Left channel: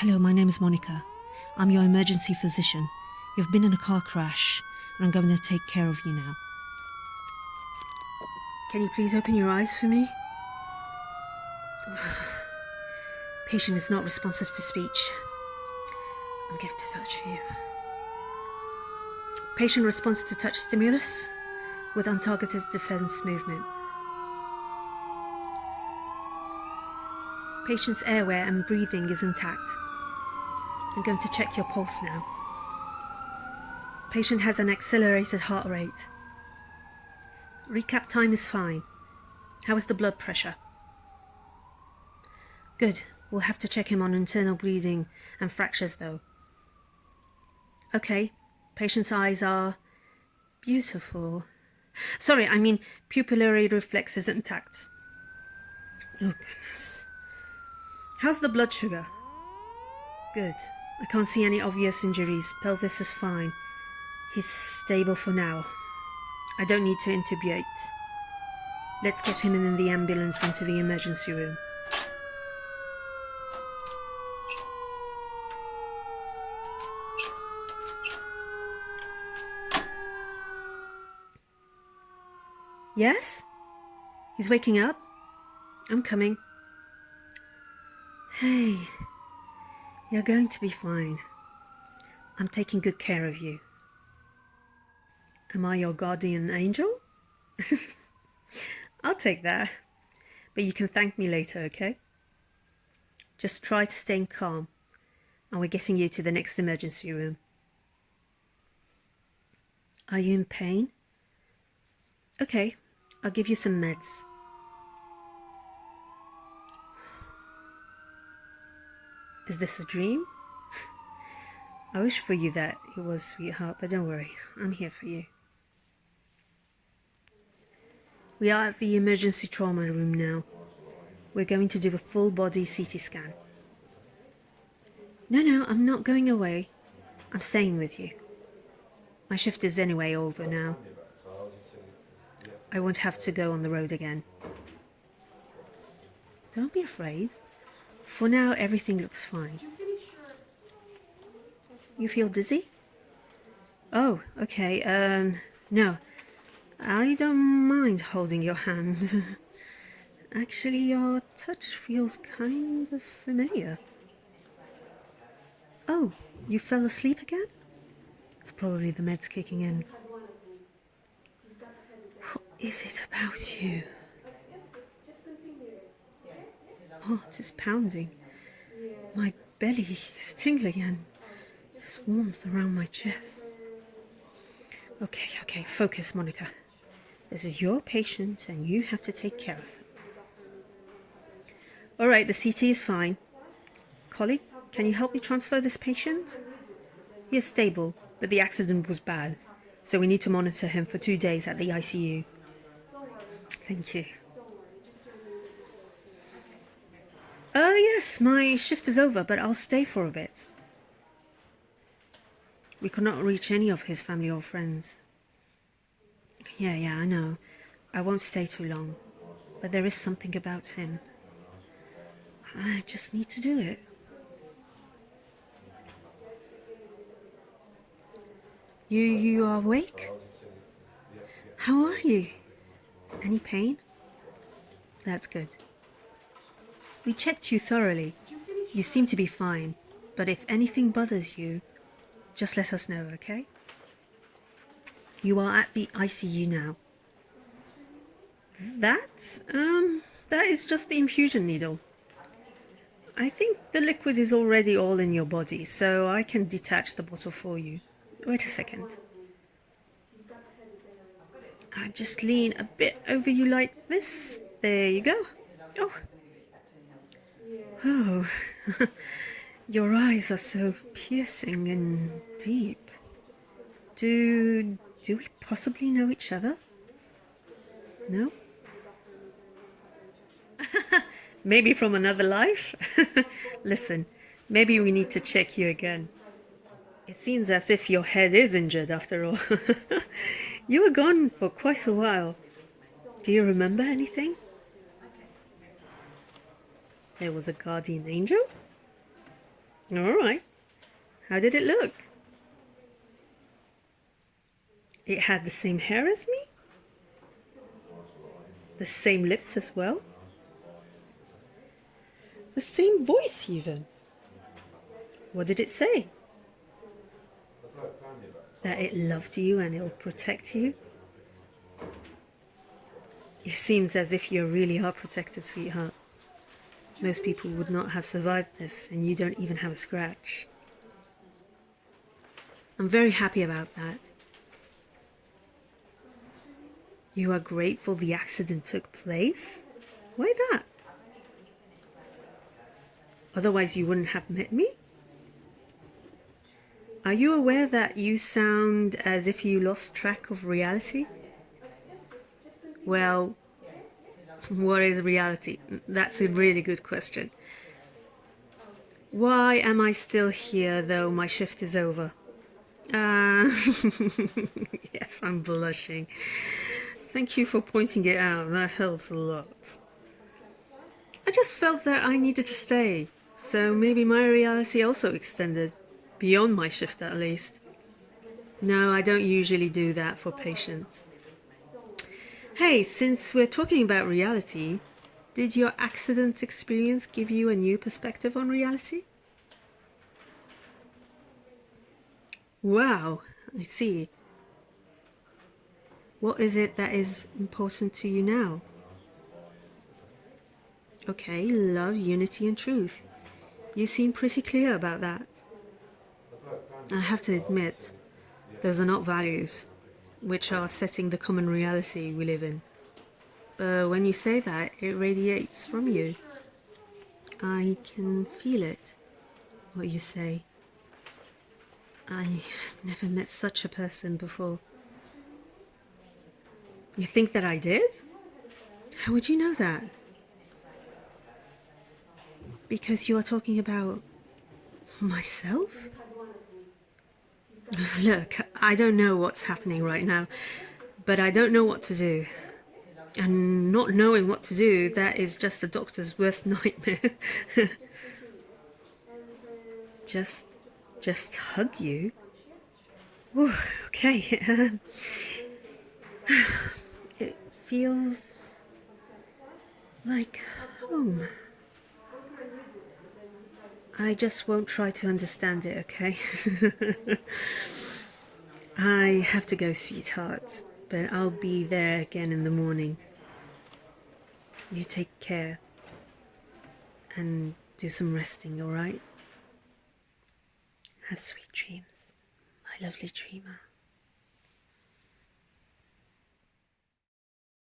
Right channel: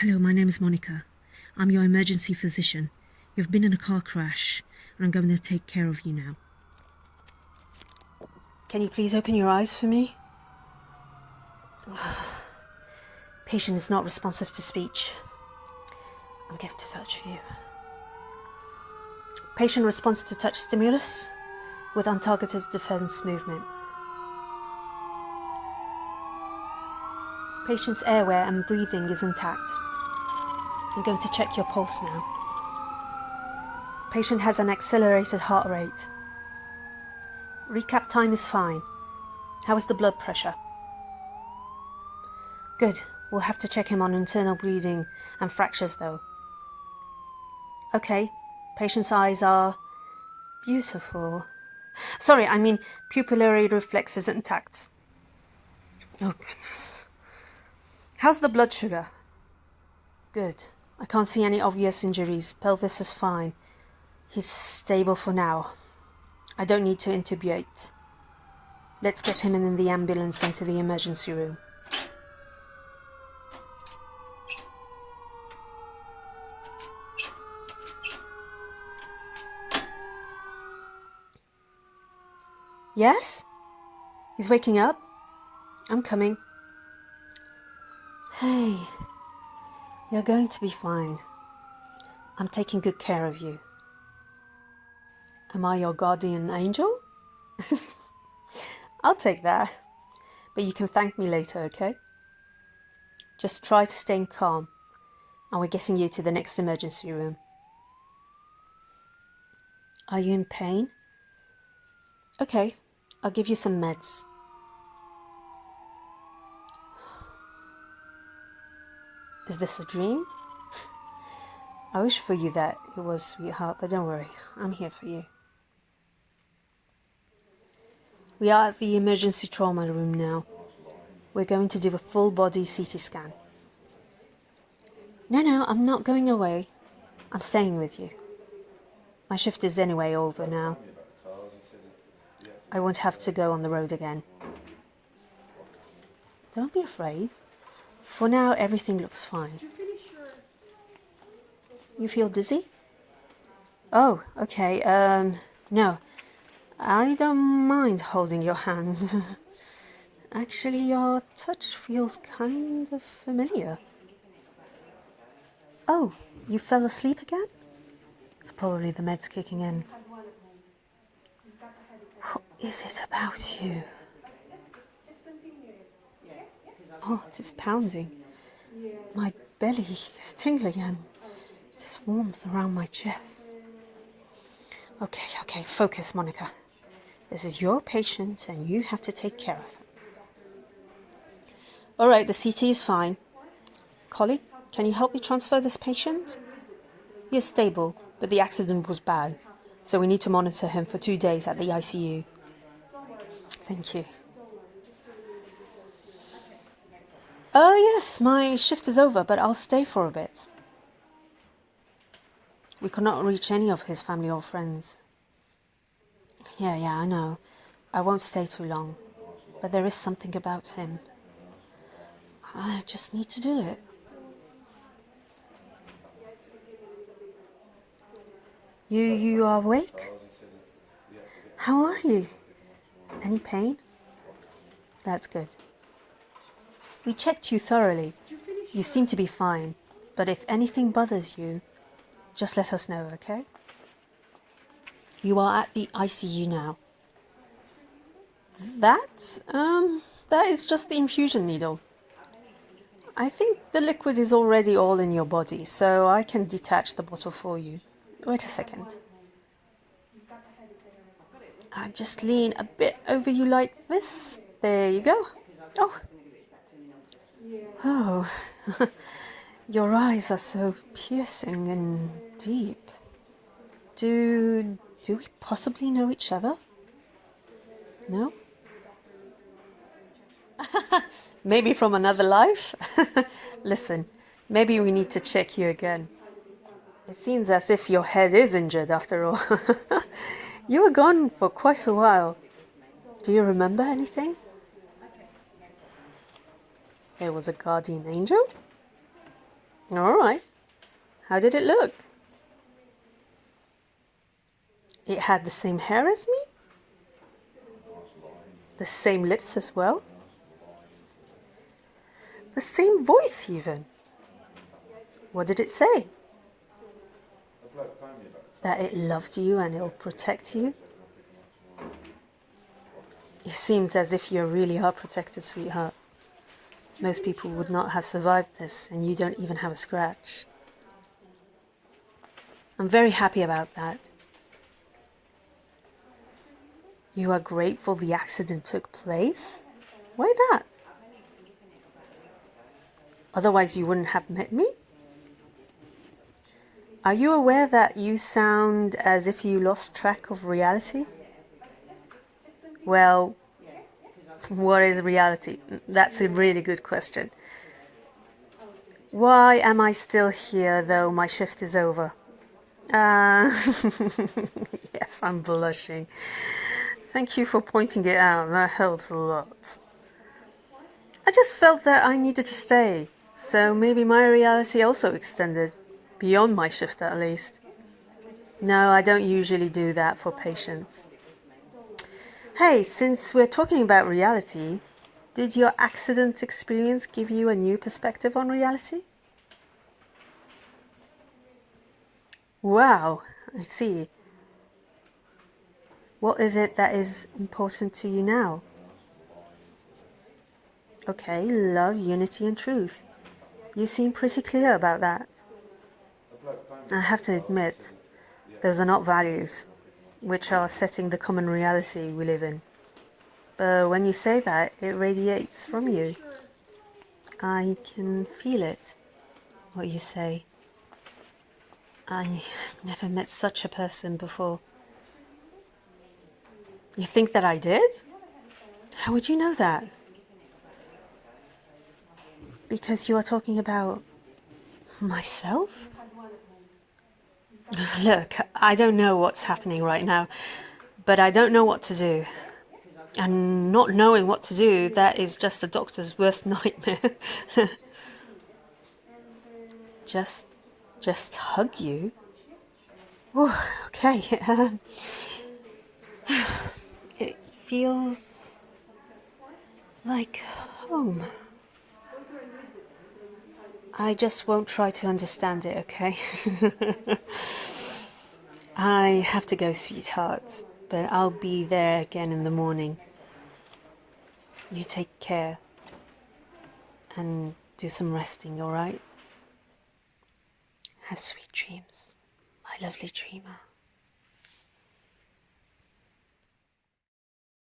Hello, my name is Monica. I'm your emergency physician. You've been in a car crash, and I'm going to take care of you now. Can you please open your eyes for me? Patient is not responsive to speech. I'm going to touch you. Patient responds to touch stimulus with untargeted defense movement. Patient's airway and breathing is intact. I'm going to check your pulse now. Patient has an accelerated heart rate. Recap time is fine. How is the blood pressure? Good. We'll have to check him on internal bleeding and fractures though. Okay. Patient's eyes are beautiful. Sorry, I mean pupillary reflex is intact. Oh goodness. How's the blood sugar? Good. I can't see any obvious injuries. Pelvis is fine. He's stable for now. I don't need to intubate. Let's get him in the ambulance into the emergency room. Yes? He's waking up? I'm coming. Hey, you're going to be fine. I'm taking good care of you. Am I your guardian angel? I'll take that. But you can thank me later, okay? Just try to stay calm. And we're getting you to the next emergency room. Are you in pain? Okay, I'll give you some meds. Is this a dream? I wish for you that it was, sweetheart, but don't worry, I'm here for you. We are at the emergency trauma room now. We're going to do a full body CT scan. No, I'm not going away. I'm staying with you. My shift is anyway over now. I won't have to go on the road again. Don't be afraid. For now, everything looks fine. You feel dizzy? Oh, okay. No. I don't mind holding your hand. Actually, your touch feels kind of familiar. Oh, you fell asleep again? It's probably the meds kicking in. What is it about you? Oh, it is pounding. My belly is tingling and there's warmth around my chest. Okay, focus, Monica. This is your patient and you have to take care of him. All right, the CT is fine. Colleague, can you help me transfer this patient? He is stable, but the accident was bad, so we need to monitor him for 2 days at the ICU. Thank you. Yes, my shift is over, but I'll stay for a bit. We could not reach any of his family or friends. Yeah, I know. I won't stay too long, but there is something about him. I just need to do it. You are awake? How are you? Any pain? That's good. We checked you thoroughly. You seem to be fine, but if anything bothers you, just let us know, okay? You are at the ICU now. That is just the infusion needle. I think the liquid is already all in your body, so I can detach the bottle for you. Wait a second. I just lean a bit over you like this. There you go. Oh, your eyes are so piercing and deep. Do we possibly know each other? No? Maybe from another life? Listen, maybe we need to check you again. It seems as if your head is injured after all. You were gone for quite a while. Do you remember anything? There was a guardian angel? All right. How did it look? It had the same hair as me? The same lips as well? The same voice even? What did it say? That it loved you and it'll protect you? It seems as if you really are protected, sweetheart. Most people would not have survived this, and you don't even have a scratch. I'm very happy about that. You are grateful the accident took place? Why that? Otherwise you wouldn't have met me? Are you aware that you sound as if you lost track of reality? Well, what is reality? That's a really good question. Why am I still here though my shift is over? Yes, I'm blushing. Thank you for pointing it out. That helps a lot. I just felt that I needed to stay. So maybe my reality also extended. Beyond my shift at least. No, I don't usually do that for patients. Hey, since we're talking about reality, did your accident experience give you a new perspective on reality? Wow, I see. What is it that is important to you now? Okay, love, unity and truth. You seem pretty clear about that. I have to admit, those are not values, which are setting the common reality we live in. But when you say that, it radiates from you. I can feel it, what you say. I never met such a person before. You think that I did? How would you know that? Because you are talking about myself? Look, I don't know what's happening right now, but I don't know what to do. And not knowing what to do, that is just a doctor's worst nightmare. Just hug you? Oh, okay. It feels like home. I just won't try to understand it, okay? I have to go, sweetheart, but I'll be there again in the morning. You take care and do some resting, all right? Have sweet dreams, my lovely dreamer.